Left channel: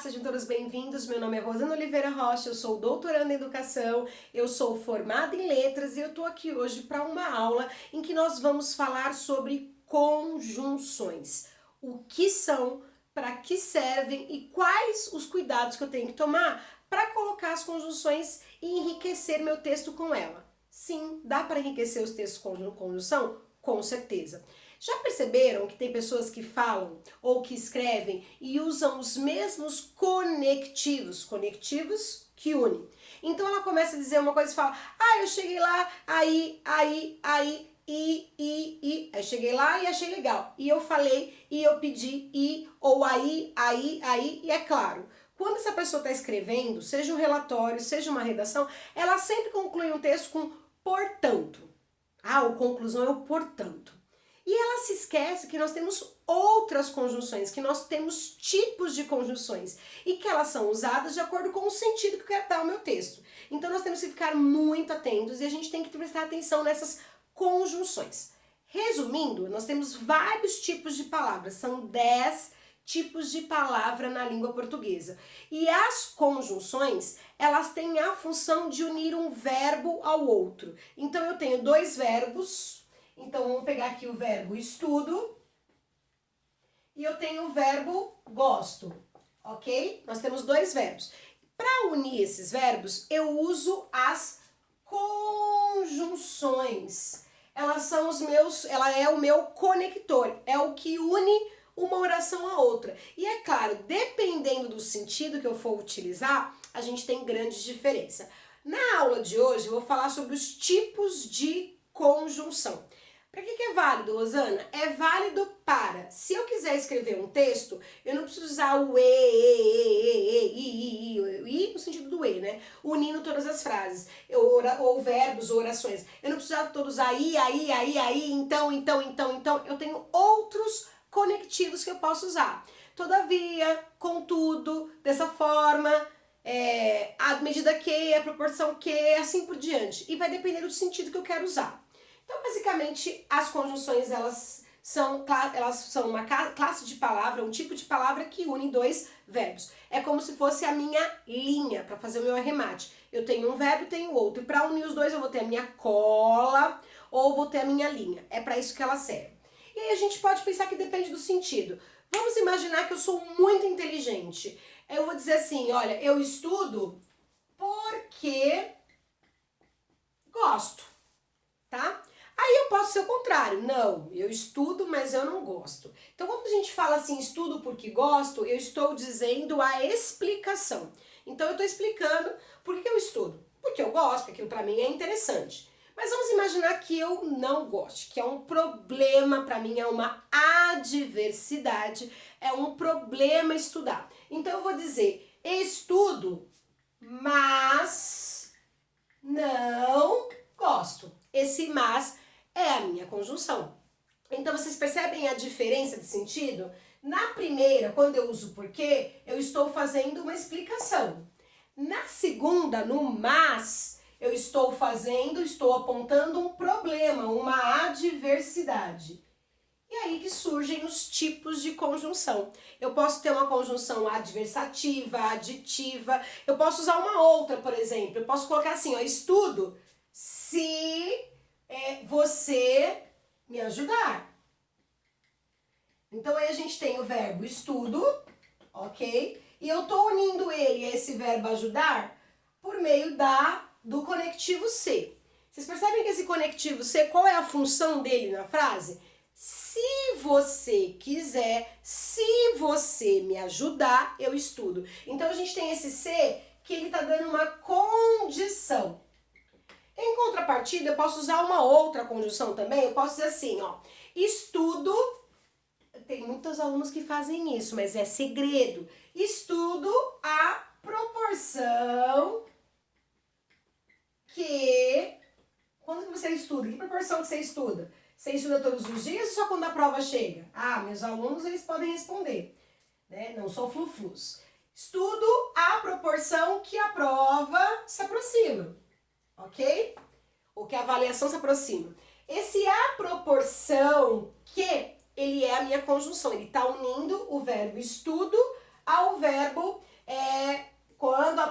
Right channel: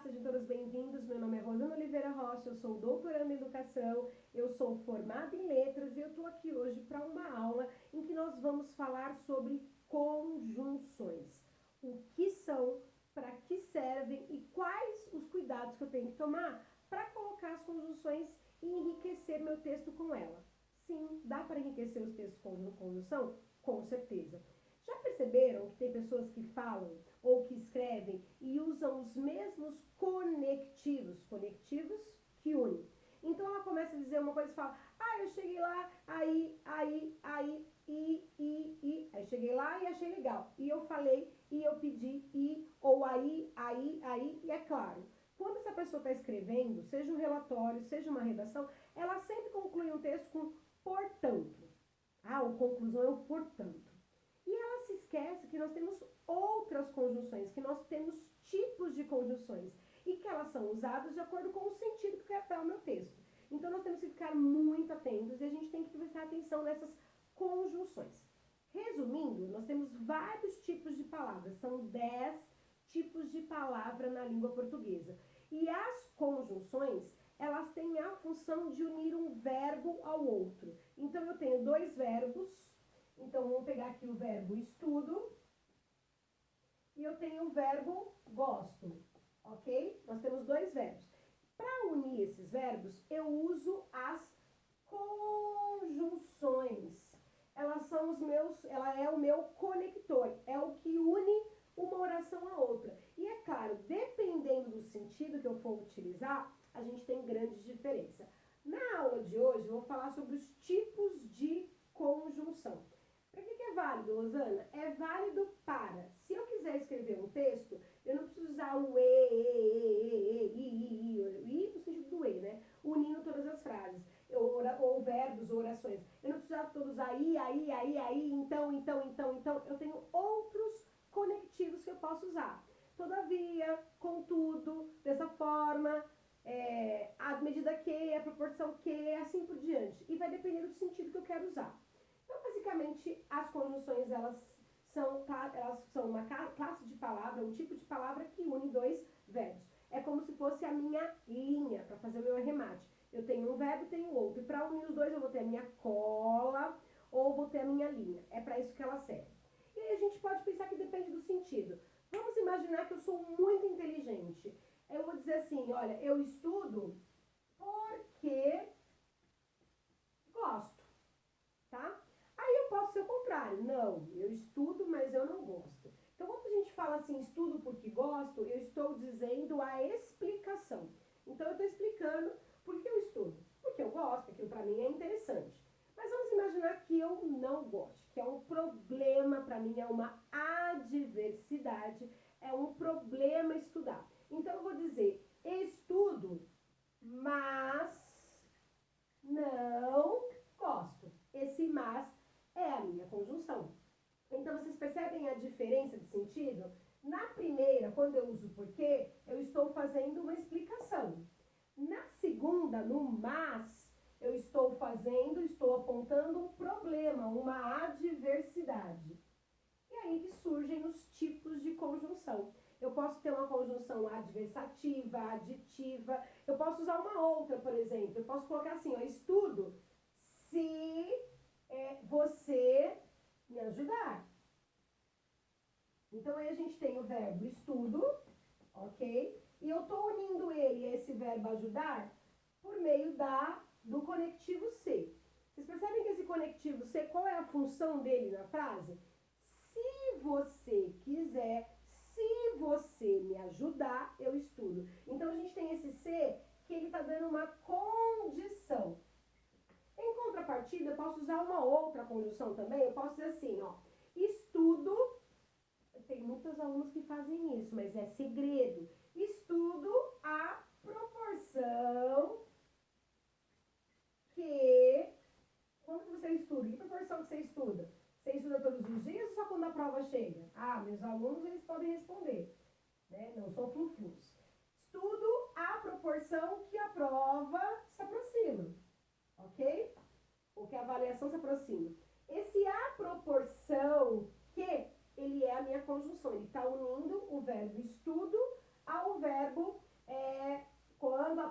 sejam todos bem-vindos. Meu nome é Rosana Oliveira Rocha, eu sou doutoranda em educação, eu sou formada em letras e eu tô aqui hoje para uma aula em que nós vamos falar sobre conjunções. O que são, para que servem e quais os cuidados que eu tenho que tomar para colocar as conjunções e enriquecer meu texto com ela. Sim, dá para enriquecer os textos com conjunção? Com certeza. Já perceberam que tem pessoas que falam ou que escrevem e usam os mesmos conectivos que unem. Então ela começa a dizer uma coisa e fala, eu cheguei lá, aí, aí eu cheguei lá e achei legal. E eu falei, e eu pedi, e, ou aí, e é claro. Quando essa pessoa está escrevendo, seja um relatório, seja uma redação, ela sempre conclui um texto com portanto. A conclusão é o portanto. E ela se esquece que nós temos outras conjunções, que nós temos tipos de conjunções e que elas são usadas de acordo com o sentido que eu quero dar ao meu texto. Então nós temos que ficar muito atentos e a gente tem que prestar atenção nessas conjunções. Resumindo, nós temos vários tipos de palavras, são 10 tipos de palavra na língua portuguesa. E as conjunções, elas têm a função de unir um verbo ao outro. Então eu tenho dois verbos. Então, vamos pegar aqui o verbo estudo e eu tenho o verbo gosto, ok? Nós temos dois verbos. Para unir esses verbos, eu uso as conjunções. Ela é o meu conector, é o que une uma oração à outra. E é claro, dependendo do sentido que eu for utilizar, a gente tem grande diferença. Na aula de hoje, eu vou falar sobre os tipos de conjunção. Para que é válido, Rosana? É válido para, se eu quiser escrever um texto, eu não preciso usar o i no sentido do e, né? Unindo todas as frases, ou verbos, ou orações. Eu não preciso todos aí, então. Eu tenho outros conectivos que eu posso usar. Todavia, contudo, dessa forma, à medida que, a proporção que, assim por diante. E vai depender do sentido que eu quero usar. Então, basicamente, as conjunções, elas são uma classe de palavra, um tipo de palavra que une dois verbos. É como se fosse a minha linha para fazer o meu arremate. Eu tenho um verbo e tenho outro. E para unir os dois, eu vou ter a minha cola ou vou ter a minha linha. É para isso que ela serve. E aí a gente pode pensar que depende do sentido. Vamos imaginar que eu sou muito inteligente. Eu vou dizer assim, olha, eu estudo porque gosto, tá? Aí eu posso ser o contrário. Não, eu estudo, mas eu não gosto. Então, quando a gente fala assim, estudo porque gosto, eu estou dizendo a explicação. Então, eu estou explicando por que eu estudo. Porque eu gosto, porque aquilo para mim é interessante. Mas vamos imaginar que eu não goste, que é um problema para mim, é uma adversidade, é um problema estudar. Então, eu vou dizer, estudo, mas não gosto. Esse mas é a minha conjunção. Então, vocês percebem a diferença de sentido? Na primeira, quando eu uso porquê, eu estou fazendo uma explicação. Na segunda, no mas, eu estou apontando um problema, uma adversidade. E aí que surgem os tipos de conjunção. Eu posso ter uma conjunção adversativa, aditiva, eu posso usar uma outra, por exemplo. Eu posso colocar assim, estudo se você me ajudar. Então aí a gente tem o verbo estudo, ok? E eu tô unindo esse verbo ajudar, por meio do conectivo se. Vocês percebem que esse conectivo se, qual é a função dele na frase? Se você quiser, se você me ajudar, eu estudo. Então a gente tem esse se que ele tá dando uma condição. Em contrapartida, eu posso usar uma outra conjunção também. Eu posso dizer assim, estudo. Tem muitos alunos que fazem isso, mas é segredo. Estudo a proporção que... Quando que você estuda? Que proporção que você estuda? Você estuda todos os dias ou só quando a prova chega? Meus alunos, eles podem responder, né? Não sou fluflus. Estudo a proporção que a prova se aproxima. Ok? Ou que a avaliação se aproxima. Esse a proporção que, ele é a minha conjunção. Ele está unindo o verbo estudo ao verbo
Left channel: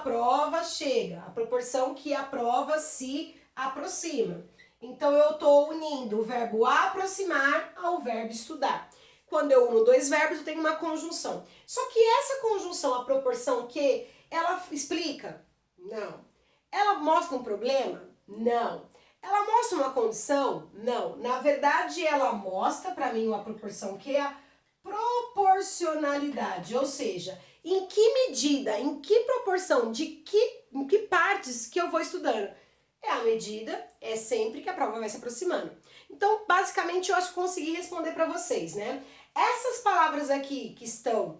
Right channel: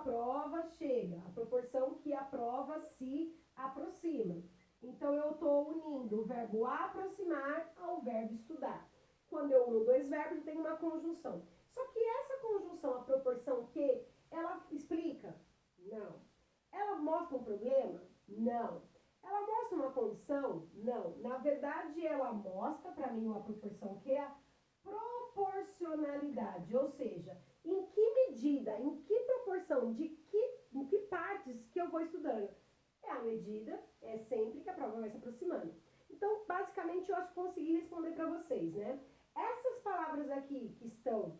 prova chega, a proporção que a prova se aproxima. Então, eu estou unindo o verbo aproximar ao verbo estudar. Quando eu uno dois verbos, eu tenho uma conjunção. Só que essa conjunção, a proporção que, ela explica? Não. Ela mostra um problema? Não. Ela mostra uma condição? Não. Na verdade, ela mostra para mim uma proporção que é a proporcionalidade, ou seja, em que medida, em que proporção, em que partes que eu vou estudando. É a medida, é sempre que a prova vai se aproximando. Então, basicamente, eu acho que consegui responder para vocês, né? Essas palavras aqui que estão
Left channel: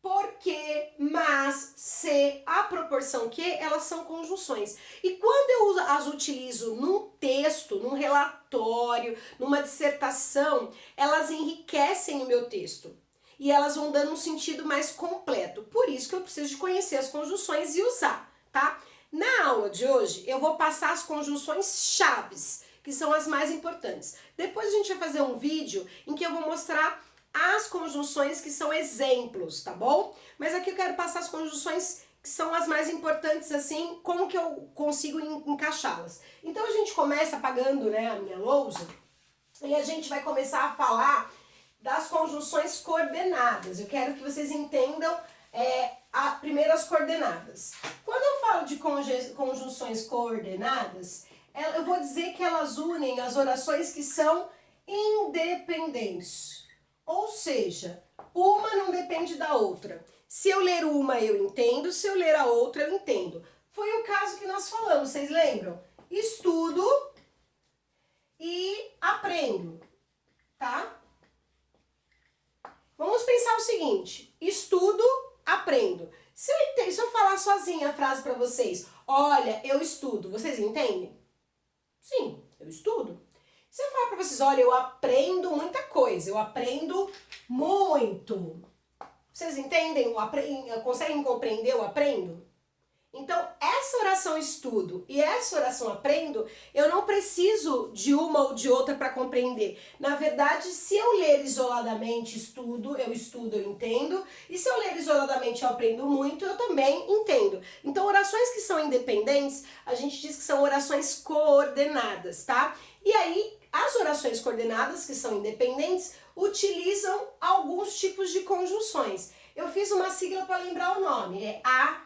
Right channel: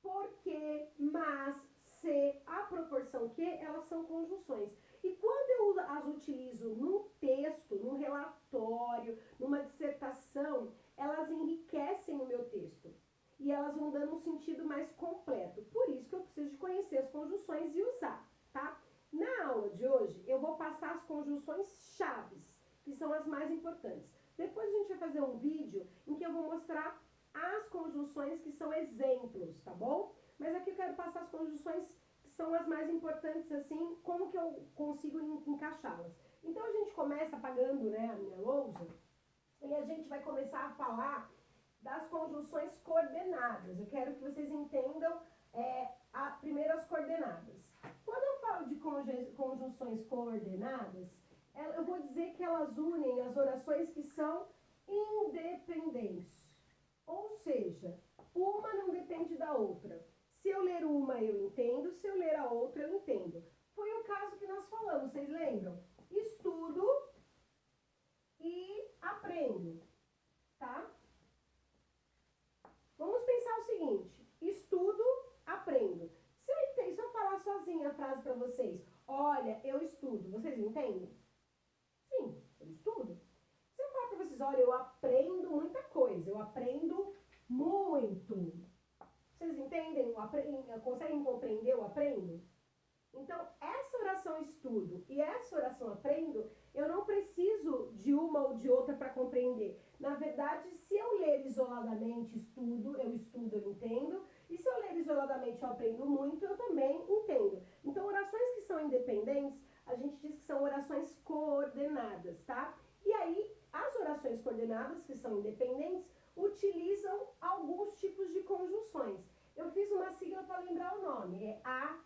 porque, mas, se, a proporção que, elas são conjunções. E quando eu as utilizo num texto, num relatório, numa dissertação, elas enriquecem o meu texto. E elas vão dando um sentido mais completo. Por isso que eu preciso de conhecer as conjunções e usar, tá? Na aula de hoje, eu vou passar as conjunções chaves, que são as mais importantes. Depois a gente vai fazer um vídeo em que eu vou mostrar as conjunções que são exemplos, tá bom? Mas aqui eu quero passar as conjunções que são as mais importantes, assim, como que eu consigo encaixá-las. Então a gente começa apagando, né, a minha lousa, e a gente vai começar a falar das conjunções coordenadas. Eu quero que vocês entendam primeiro as coordenadas. Quando eu falo de conjunções coordenadas, eu vou dizer que elas unem as orações que são independentes. Ou seja, uma não depende da outra. Se eu ler uma, eu entendo. Se eu ler a outra, eu entendo. Foi o caso que nós falamos, vocês lembram? Estudo e aprendo, tá? Vamos pensar o seguinte, estudo, aprendo. Se eu falar sozinha a frase para vocês, olha, eu estudo, vocês entendem? Sim, eu estudo. Se eu falar para vocês, olha, eu aprendo muita coisa, eu aprendo muito. Vocês entendem? Conseguem compreender o aprendo? Então, essa oração estudo e essa oração aprendo, eu não preciso de uma ou de outra para compreender. Na verdade, se eu ler isoladamente estudo, eu entendo. E se eu ler isoladamente eu aprendo muito, eu também entendo. Então, orações que são independentes, a gente diz que são orações coordenadas, tá? E aí, as orações coordenadas, que são independentes, utilizam alguns tipos de conjunções. Eu fiz uma sigla para lembrar o nome, é A,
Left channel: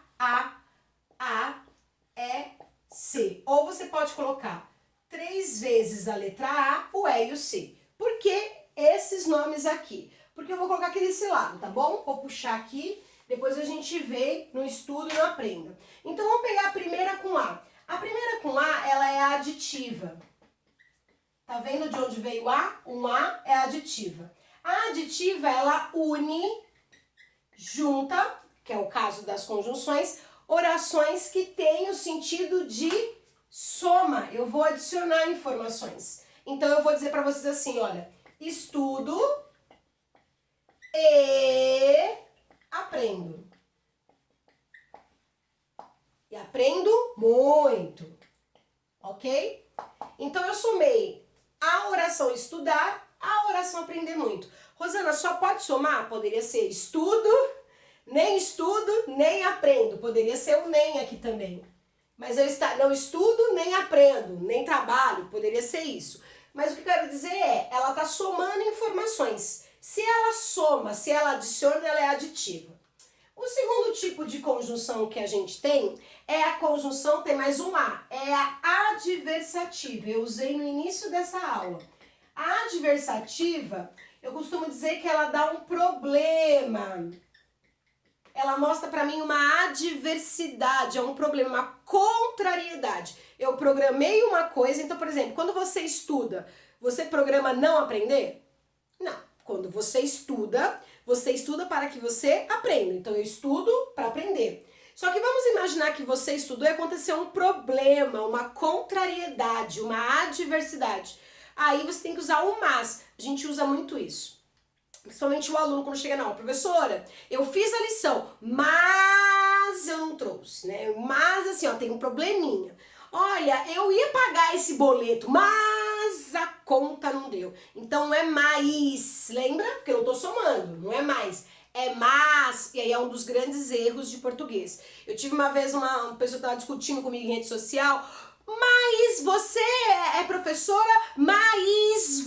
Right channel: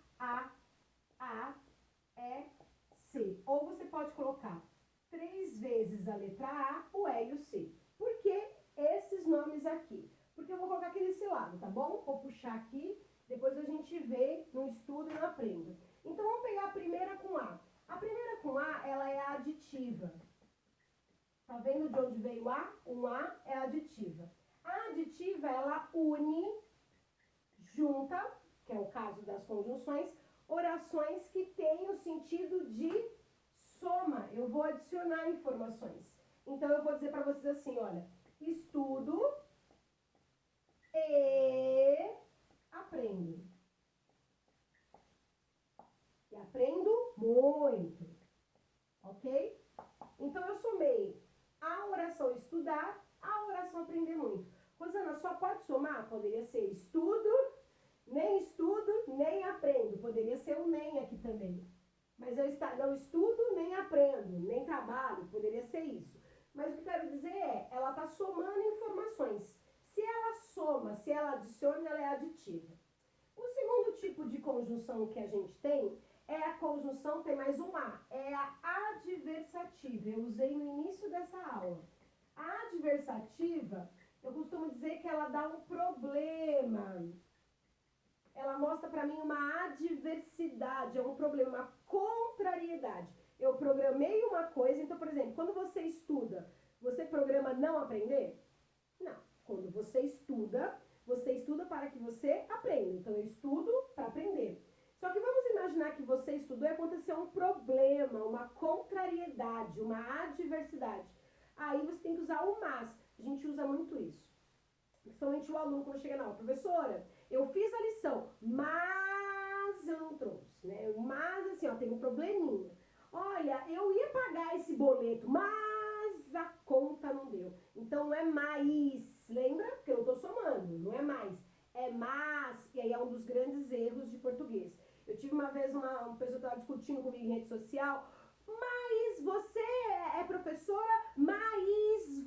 E, C. Ou você pode colocar 3 vezes a letra A, o E e o C. Por que esses nomes aqui? Porque eu vou colocar aqui desse lado, tá bom? Vou puxar aqui, depois a gente vê no estudo e no aprenda. Então, vamos pegar a primeira com A. A primeira com A, ela é aditiva. Tá vendo de onde veio A? Um A é aditiva. A aditiva, ela une, junta, que é o caso das conjunções, orações que têm o sentido de soma. Eu vou adicionar informações. Então, eu vou dizer para vocês assim, olha, estudo e aprendo. E aprendo muito, ok? Então, eu somei a oração estudar, a oração aprender muito. Rosana, só pode somar? Poderia ser estudo, nem aprendo. Poderia ser o nem aqui também. Mas eu não estudo, nem aprendo, nem trabalho. Poderia ser isso. Mas o que eu quero dizer é, ela está somando informações. Se ela soma, se ela adiciona, ela é aditiva. O segundo tipo de conjunção que a gente tem é a conjunção, tem mais um A, é a adversativa. Eu usei no início dessa aula. A adversativa, eu costumo dizer que ela dá um problema. Ela mostra para mim uma adversidade, é um problema, uma contrariedade. Eu programei uma coisa, então, por exemplo, quando você estuda, você programa não aprender? Não. Quando você estuda para que você aprenda. Então, eu estudo para aprender. Só que vamos imaginar que você estudou e aconteceu um problema, uma contrariedade, uma adversidade. Aí você tem que usar o mas. A gente usa muito isso. Principalmente o aluno quando chega na aula. Professora, eu fiz a lição, mas eu não trouxe, né? Mas assim, ó, tem um probleminha. Olha, eu ia pagar esse boleto, mas a conta não deu. Então não é mais, lembra? Porque eu tô somando, não é mais. é mas, e aí é um dos grandes erros de português. Eu tive uma vez uma pessoa que estava discutindo comigo em rede social, mas você é professora, mas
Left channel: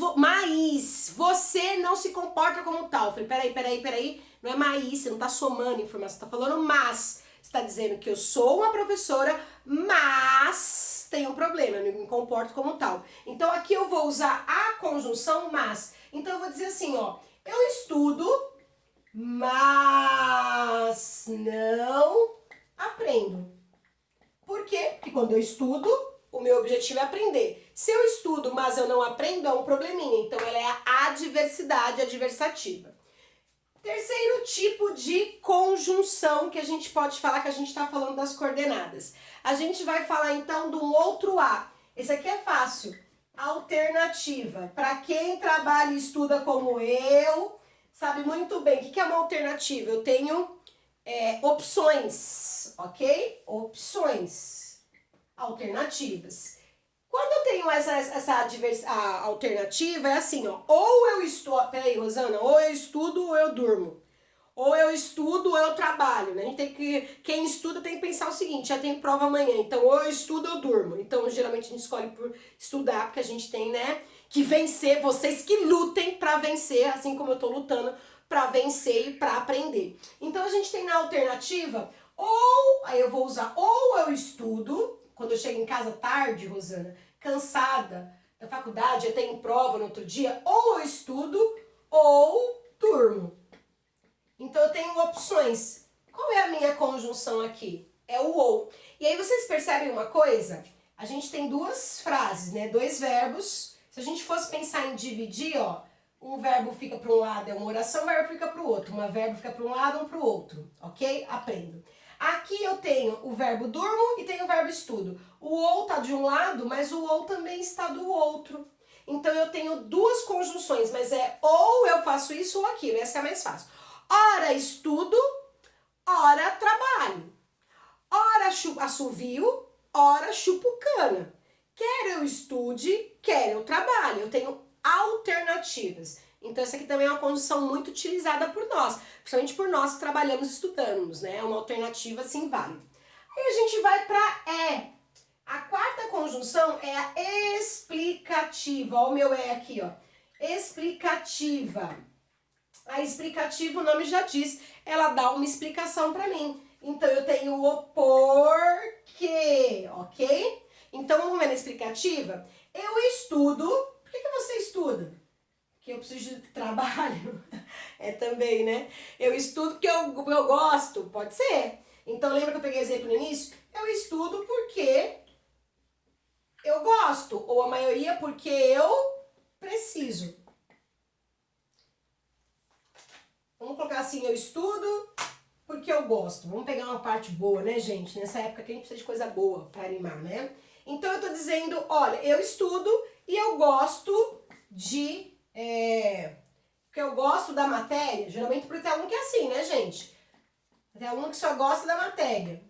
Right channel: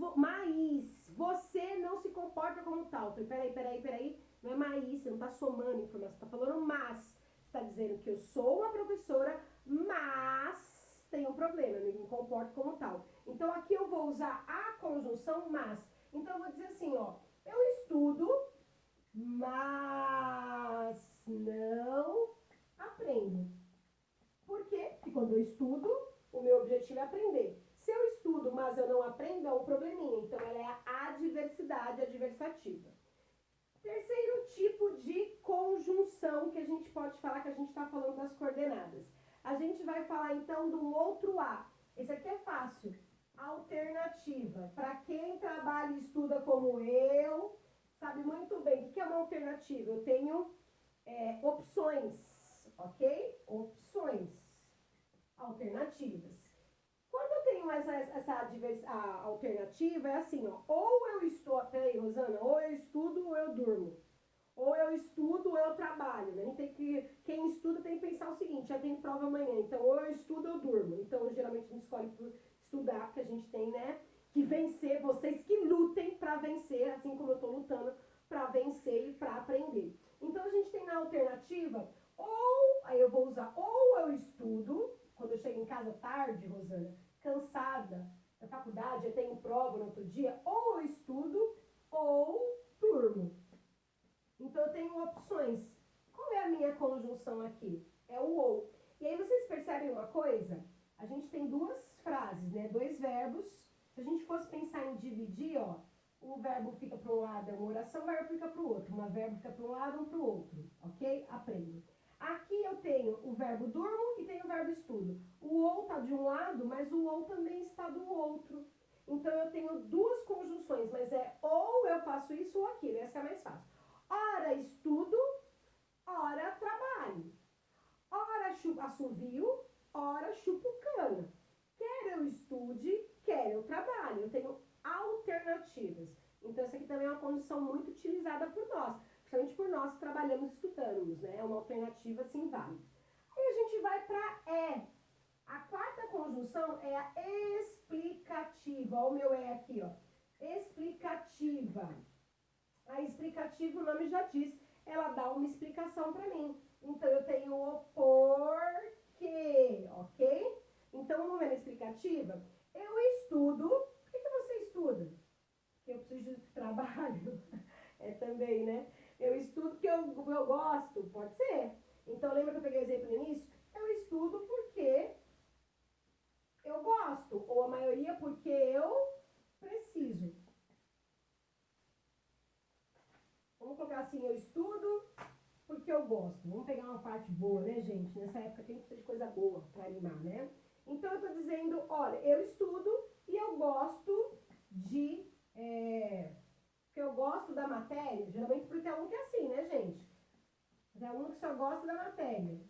você não se comporta como tal. Eu falei, peraí, não é mas, você não tá somando informação, você tá falando mas. Você tá dizendo que eu sou uma professora, mas tem um problema, eu não me comporto como tal. Então aqui eu vou usar a conjunção mas. Então eu vou dizer assim, ó, eu estudo, mas não aprendo. Por quê? Porque quando eu estudo, o meu objetivo é aprender. Se eu estudo, mas eu não aprendo, é um probleminha. Então, ela é a adversidade adversativa. Terceiro tipo de conjunção que a gente pode falar, que a gente está falando das coordenadas. A gente vai falar, então, do outro A. Esse aqui é fácil. Alternativa. Para quem trabalha e estuda como eu, sabe muito bem. O que é uma alternativa? Eu tenho opções, ok? Opções, alternativas. Quando eu tenho essa alternativa, é assim, ó, ou eu estudo, peraí, Rosana, ou eu estudo ou eu durmo. Ou eu estudo ou eu trabalho, né? A gente tem que, quem estuda tem que pensar o seguinte, já tem prova amanhã, então ou eu estudo ou eu durmo. Então, geralmente a gente escolhe por estudar, porque a gente tem, né, que vencer, vocês que lutem pra vencer, assim como eu tô lutando pra vencer e pra aprender. Então, a gente tem na alternativa, ou, aí eu vou usar, ou eu estudo, quando eu chego em casa tarde, Rosana, cansada da faculdade, eu tenho prova no outro dia, ou eu estudo ou durmo. Então eu tenho opções. Qual é a minha conjunção aqui? É o ou. E aí vocês percebem uma coisa? A gente tem duas frases, né? Dois verbos. Se a gente fosse pensar em dividir, ó, um verbo fica para um lado é uma oração, um verbo fica para o outro. Um verbo fica para um lado, um para o outro, ok? Aprendo. Aqui eu tenho o verbo durmo e tenho o verbo estudo. O ou tá de um lado, mas o ou também está do outro. Então eu tenho duas conjunções, mas é ou eu faço isso ou aquilo. Essa é a mais fácil. Ora estudo, ora trabalho. Ora assovio, ora chupo cana. Quer eu estude, quer eu trabalhe. Eu tenho alternativas. Então essa aqui também é uma conjunção muito utilizada por nós. Principalmente por nós que trabalhamos e estudamos, né? É uma alternativa assim válida. Aí a gente vai para é. A quarta conjunção é a explicativa. Olha o meu é aqui, ó. Explicativa. A explicativa, o nome já diz, ela dá uma explicação para mim. Então, eu tenho o porquê, ok? Então, vamos ver na explicativa? Eu estudo. Por que você estuda? Porque eu preciso de trabalho. É também, né? Eu estudo porque eu gosto. Pode ser. Então, lembra que eu peguei exemplo no início? Eu estudo porque eu gosto. Ou a maioria porque eu preciso. Vamos colocar assim, eu estudo porque eu gosto. Vamos pegar uma parte boa, né, gente? Nessa época que a gente precisa de coisa boa para animar, né? Então, eu tô dizendo, olha, eu estudo e eu gosto de... porque eu gosto da matéria. Geralmente porque tem aluno que é assim, né, gente? Tem aluno que só gosta da matéria.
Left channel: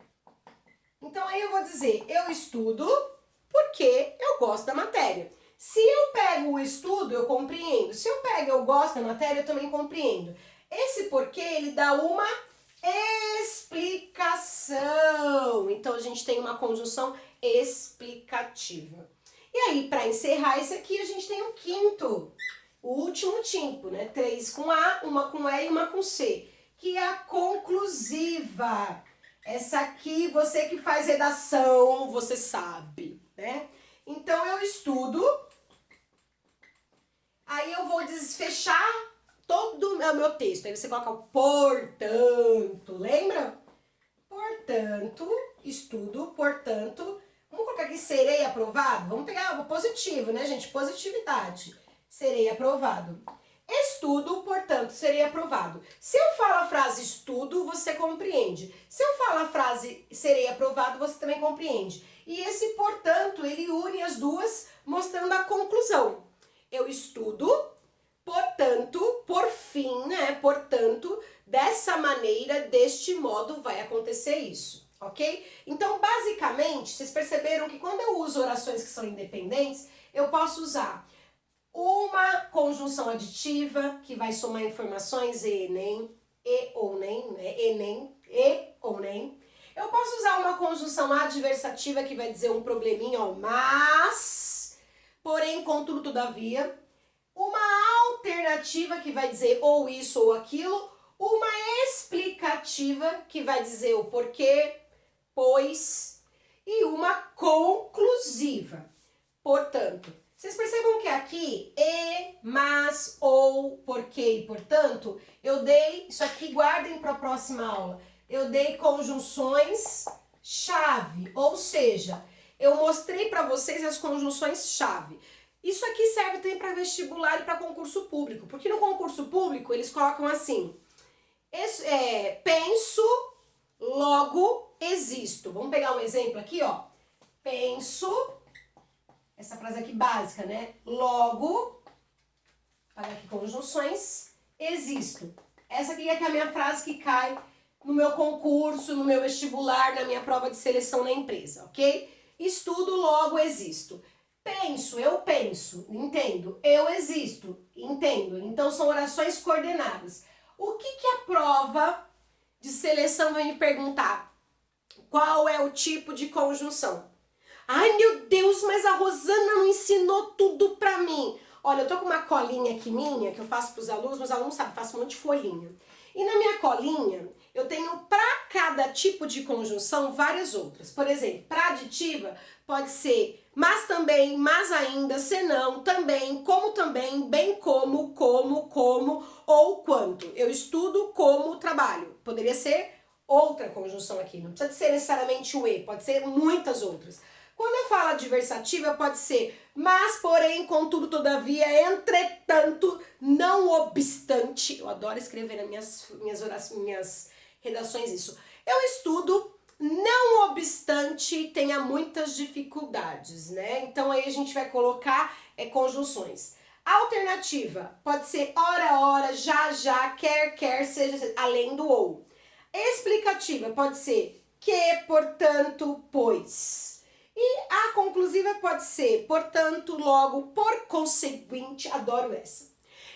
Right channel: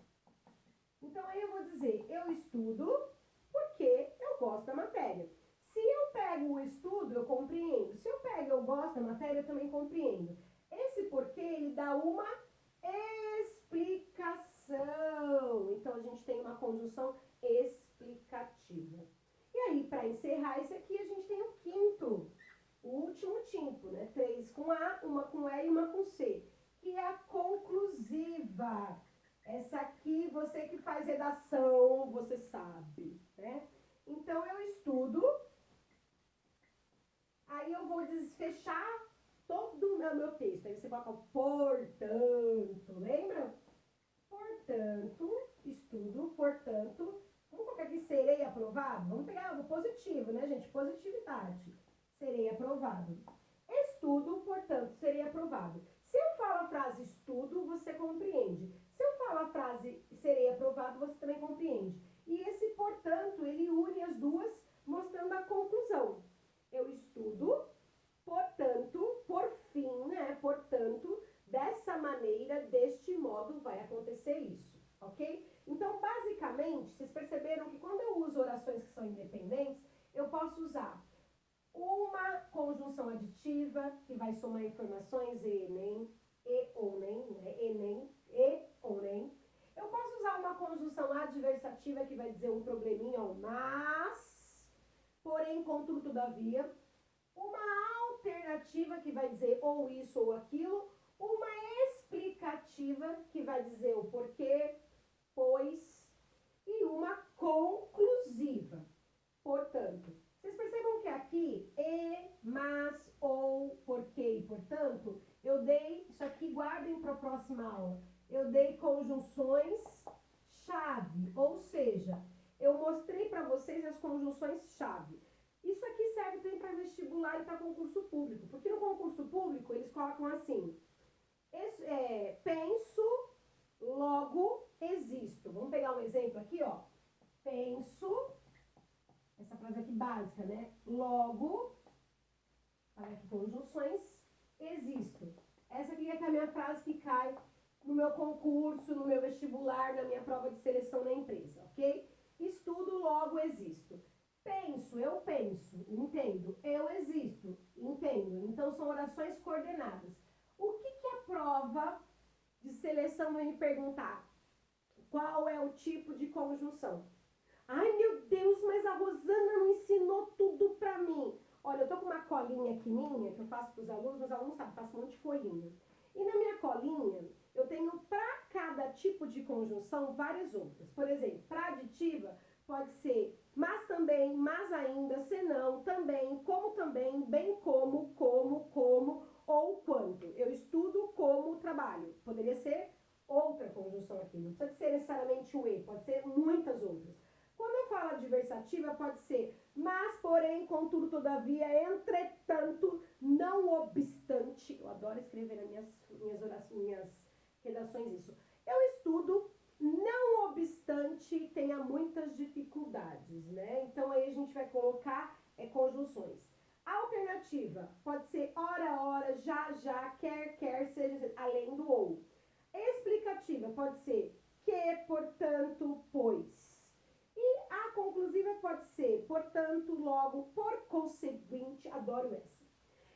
Então, aí eu vou dizer, eu estudo porque eu gosto da matéria. Se eu pego o estudo, eu compreendo. Se eu pego eu gosto da matéria, eu também compreendo. Esse porquê, ele dá uma explicação. Então, a gente tem uma conjunção explicativa. E aí, para encerrar esse aqui, a gente tem o quinto, o último tipo, né? 3 com A, uma com E e uma com C, que é a conclusiva. Essa aqui, você que faz redação, você sabe, né? Então, eu estudo, aí eu vou desfechar todo o meu texto. Aí você coloca o portanto, lembra? Portanto, estudo, portanto, vamos colocar aqui serei aprovado? Vamos pegar o positivo, né, gente? Positividade. Serei aprovado. Estudo, portanto, serei aprovado. Se eu falo a frase estudo, você compreende. Se eu falo a frase serei aprovado, você também compreende. E esse, portanto, ele une as duas, mostrando a conclusão. Eu estudo, portanto, por fim, né? Portanto, dessa maneira, deste modo, vai acontecer isso, ok? Então, basicamente, vocês perceberam que quando eu uso orações que são independentes, eu posso usar uma conjunção aditiva, que vai somar informações e Enem, e ou nem, né? E nem, e ou nem. Eu posso usar uma conjunção adversativa que vai dizer um probleminha, ó, mas, porém, contudo, todavia. Uma alternativa que vai dizer ou isso ou aquilo. Uma explicativa que vai dizer o porquê, pois. E uma conclusiva. Portanto, vocês percebam que aqui, e, mas, ou, porquê e portanto, eu dei, isso aqui guardem para a próxima aula, eu dei conjunções chave, ou seja, eu mostrei para vocês as conjunções chave. Isso aqui serve também para vestibular e para concurso público, porque no concurso público eles colocam assim, penso, logo existo. Vamos pegar um exemplo aqui, ó. Penso, essa frase aqui básica, né? Logo, olha aqui, conjunções, existo. Essa aqui é a minha frase que cai no meu concurso, no meu vestibular, na minha prova de seleção na empresa, ok? Estudo, logo existo. Penso, eu penso, entendo. Eu existo, entendo. Então são orações coordenadas. O que a prova de seleção vai me perguntar? Qual é o tipo de conjunção? Ai, meu Deus, mas a Rosana não ensinou tudo pra mim. Olha, eu tô com uma colinha aqui minha, que eu faço pros alunos, meus alunos sabem, faço um monte de folhinha. E na minha colinha, eu tenho pra cada tipo de conjunção várias outras. Por exemplo, pra aditiva, pode ser mas também, mas ainda, senão, também, bem como, ou quanto. Eu estudo como trabalho. Poderia ser outra conjunção aqui, não precisa ser necessariamente o e, pode ser muitas outras. Quando eu falo adversativa, pode ser mas, porém, contudo, todavia, entretanto, não obstante. Eu adoro escrever nas minhas redações isso. Eu estudo, não obstante, tenha muitas dificuldades, né? Então aí a gente vai colocar conjunções. Alternativa pode ser ora, já, quer, seja além do ou. Explicativa pode ser que, portanto, pois. E a conclusiva pode ser, portanto, logo, por conseguinte, adoro essa.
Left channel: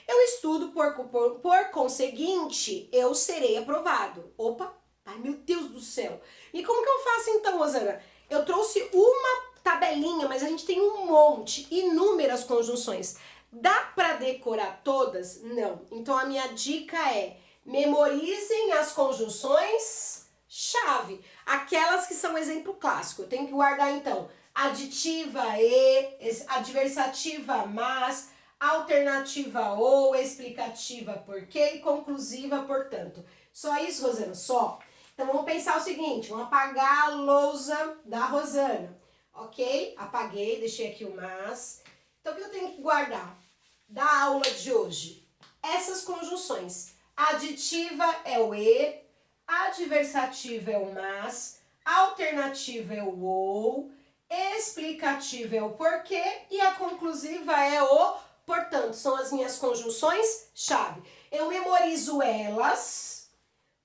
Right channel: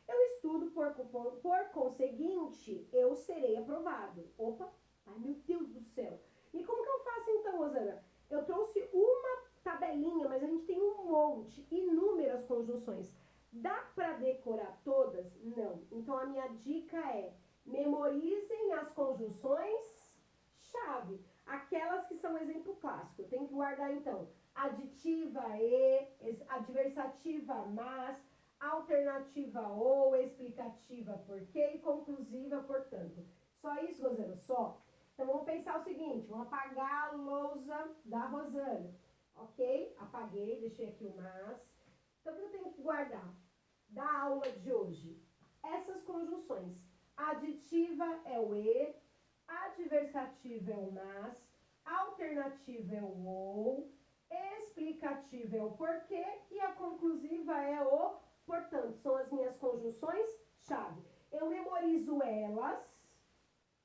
Eu estudo, por conseguinte, eu serei aprovado. Opa, ai meu Deus do céu. E como que eu faço então, Rosana? Eu trouxe uma tabelinha, mas a gente tem um monte, inúmeras conjunções. Dá para decorar todas? Não. Então a minha dica é, memorizem as conjunções chave, aquelas que são exemplo clássico. Eu tenho que guardar então aditiva e, adversativa mas, alternativa ou, explicativa porque e conclusiva portanto. Só isso, Rosana? Só. Então vamos pensar o seguinte, vamos apagar a lousa da Rosana, ok? Apaguei, deixei aqui o mas. Então o que eu tenho que guardar da aula de hoje? Essas conjunções. Aditiva é o e, adversativa é o mas, alternativa é o ou, explicativa é o porquê e a conclusiva é o portanto. São as minhas conjunções chave. Eu memorizo elas,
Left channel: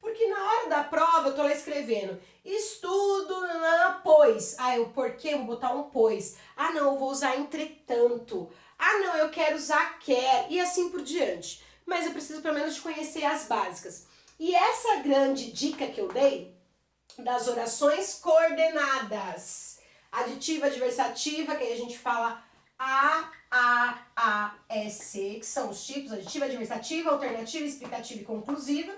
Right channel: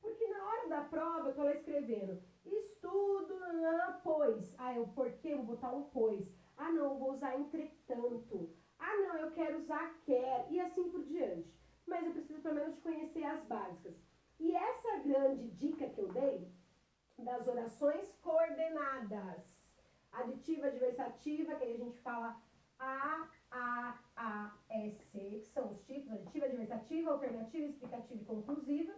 porque na hora da prova eu tô lá escrevendo estudo, pois. Ah, o porquê, eu vou botar um pois. Ah, não, eu vou usar entretanto. Ah, não, eu quero usar quer e assim por diante. Mas eu preciso pelo menos de conhecer as básicas. E essa grande dica que eu dei das orações coordenadas, aditiva, adversativa, que aí a gente fala A, S, que são os tipos, aditiva, adversativa, alternativa, explicativa e conclusiva.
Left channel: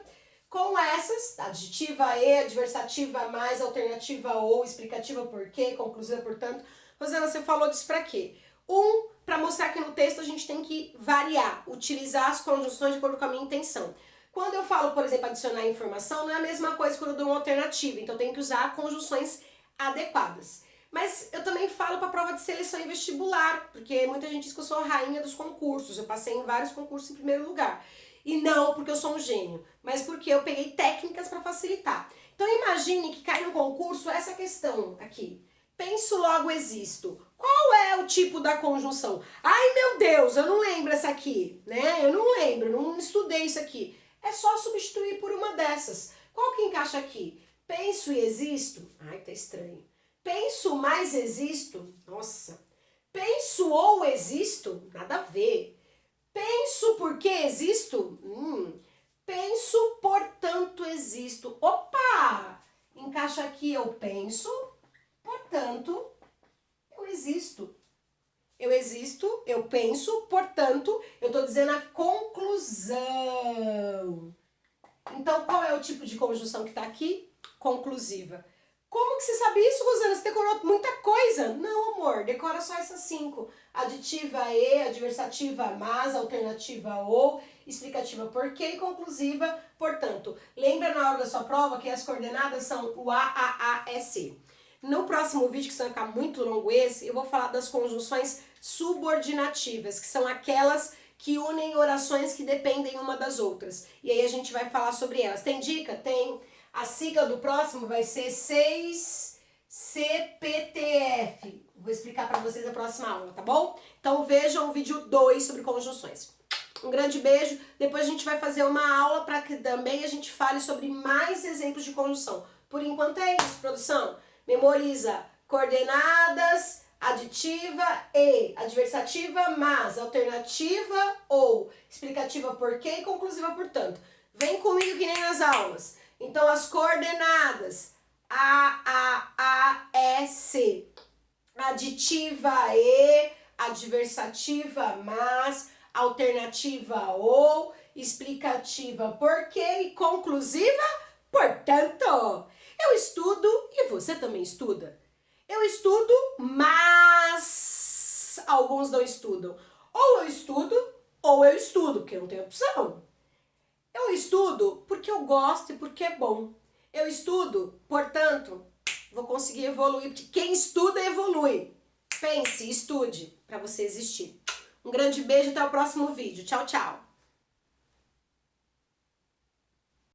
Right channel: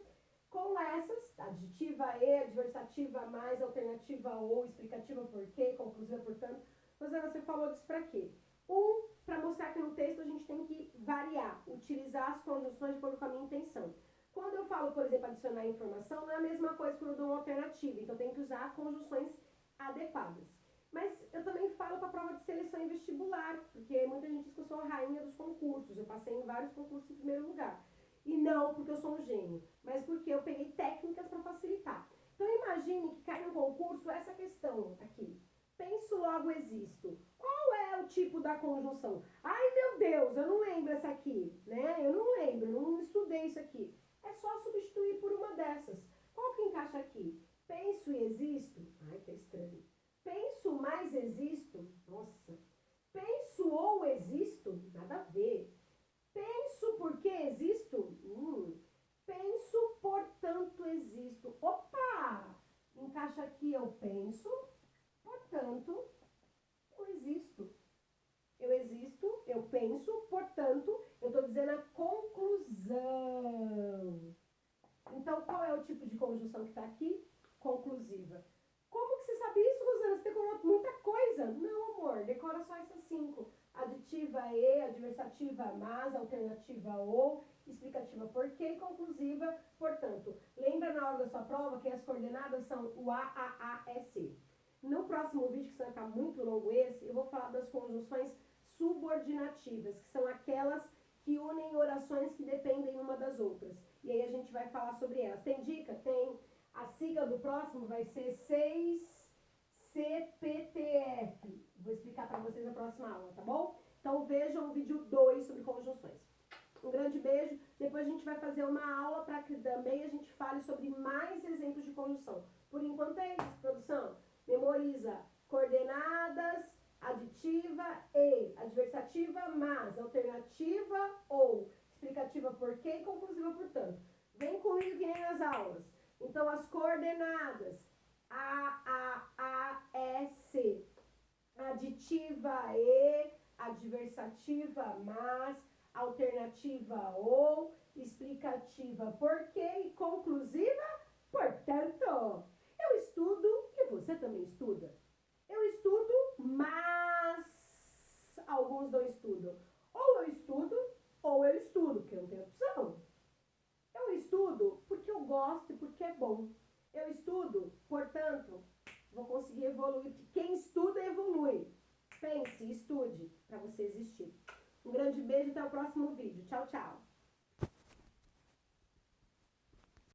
Com essas, aditiva e, adversativa mais, alternativa ou, explicativa porque, conclusiva portanto. Rosana, você falou disso pra quê? Para mostrar que no texto a gente tem que variar, utilizar as conjunções de acordo com a minha intenção. Quando eu falo, por exemplo, adicionar informação, não é a mesma coisa quando eu dou uma alternativa, então eu tenho que usar conjunções adequadas. Mas eu também falo para prova de seleção e vestibular, porque muita gente diz que eu sou a rainha dos concursos, eu passei em vários concursos em primeiro lugar. E não porque eu sou um gênio, mas porque eu peguei técnicas para facilitar. Então imagine que cai no concurso essa questão aqui. Penso, logo existo. Qual é o tipo da conjunção? Ai meu Deus, eu não lembro essa aqui, né? Eu não lembro, não estudei isso aqui. É só substituir por uma dessas. Qual que encaixa aqui? Penso e existo? Ai, tá estranho. Penso mais existo? Nossa. Penso ou existo? Nada a ver. Penso porque existo? penso, portanto existo. Opa! Encaixa aqui, eu penso, portanto eu existo. Eu existo, eu penso, portanto, eu tô dizendo a conclusão. Então, qual é o tipo de conjunção que tá aqui? Conclusiva. Como que você sabe isso, Rosana? Você decorou muita coisa. Não, amor, decora só essas 5. Aditiva e, adversativa mas, alternativa ou, explicativa porque e conclusiva, portanto. Lembra na hora da sua prova que as coordenadas são o A, E, C. No próximo vídeo, que vai ficar muito longo esse, eu vou falar das conjunções subordinativas, que são aquelas que unem orações que dependem uma das outras. E aí a gente vai falar sobre elas. Tem dica? Tem. A sigla do próximo vai ser 6CPTF. Vou explicar para vocês na próxima aula, tá bom? Então vejam o vídeo 2 sobre conjunções. Um grande beijo. Depois a gente vai fazer uma aula para que também a gente fale sobre mais exemplos de conjunção. Por enquanto é isso, produção. Memoriza coordenadas, aditiva e, adversativa mas, alternativa ou, explicativa porque e conclusiva portanto. Vem comigo que nem nas aulas. Então as coordenadas A, E, C, aditiva e, adversativa mas, alternativa ou, explicativa porque e conclusiva portanto. Eu estudo e você também estuda. Eu estudo, mas alguns não estudam. Ou eu estudo, porque não tem opção. Eu estudo porque eu gosto e porque é bom. Eu estudo, portanto, vou conseguir evoluir, porque quem estuda evolui. Pense, estude, para você existir. Um grande beijo, até o próximo vídeo. Tchau, tchau.